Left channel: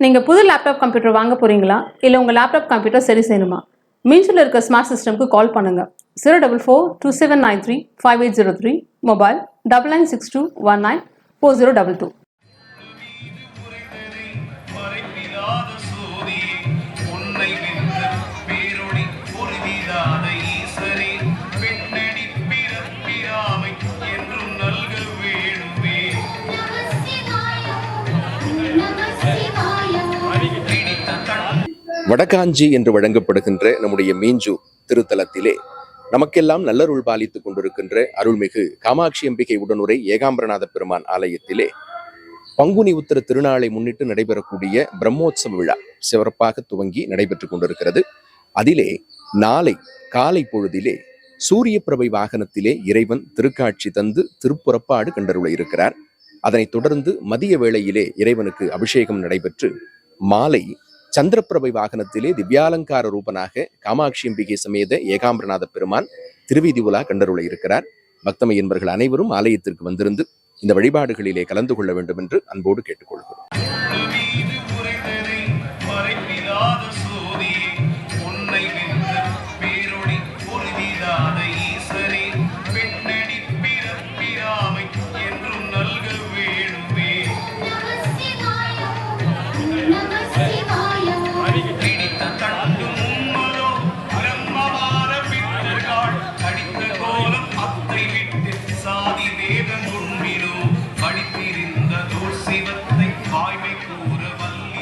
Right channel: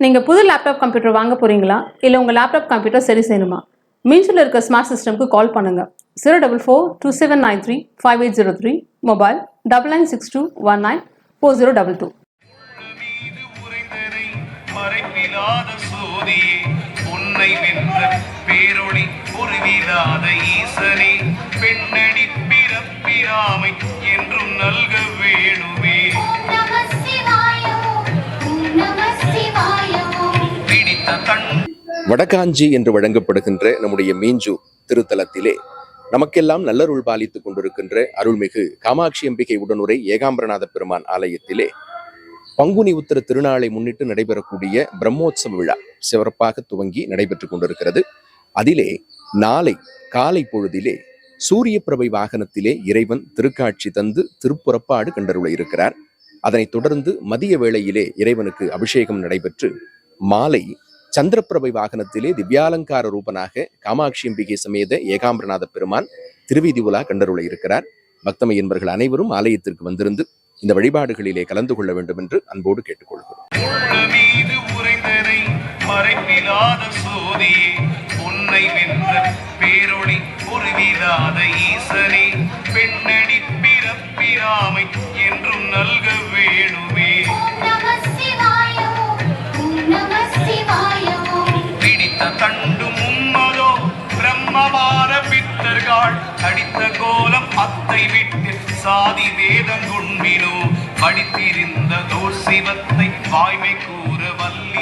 நீங்கள் புது laptop computer வாங்க போகிறீங்களா இல்லை உங்கள் லேப்டாப் கம்ப்யூட்டர் சரி செய்யணுமா? மீன்ஸில் இருக்க ஸ்மார்ட் சிஸ்டம்க்கு கால் பண்ணுங்கள். 04427935803, மொபைல் 9962194022. வடகாஞ்சி என்று வழங்கப்படுகின்ற நம்முடைய மீஞ்சு திருத்தலத்திலே நமக்கெல்லாம் நல்லருள் பாலித்துக் கொண்டிருக்கின்ற அருள்மிகு காமாட்சி அம்பிகை உடனுரை ஏகாம்பரநாத பெருமான் ஆலயத்திலே பங்குனி உத்திர திருநாளை முன்னிட்டு நடைபெறக்கூடிய பிரம்மோற்சவ விழா சிறப்பாக துவங்கி நடைபெற்றுக் கொண்டிருக்கிறது. அதிலே நாளை காலை பொழுதிலே சூரிய பிரபை வாகனத்திலே இறைவன் திருக்காட்சி தந்து திருப்புறப்பாடு கண்டருள இருக்கிறார். அதனைத் தொடர்ந்து மதிய வேளையிலே இறைவனுக்கு அபிஷேகம் நடைபெற்று மாலை சந்திரப்பிரபை வாகனத்திலே திவ்யாலங்கார ரூபனாக காமாட்சி அம்பிகை சமேத ஏகாம்பரநாத பெருமான் திருவீதி உலா கண்டருள இருக்கிறார். பக்தமை என்பவர்கள் அனைவரும் ஆலயத்திற்கு வந்திருந்து இந்த வழிபாடுகளிலே கலந்து கொள்ள வேண்டும் என்று அன்போடு கேட்டுக்கொள்கிறோம். அடித்த கோலம் அத்தை விட்டு சாதி வேதம் உண்மினோ படித்திருந்த தோர் சிவத்தை வாய்மை கூற வல்லி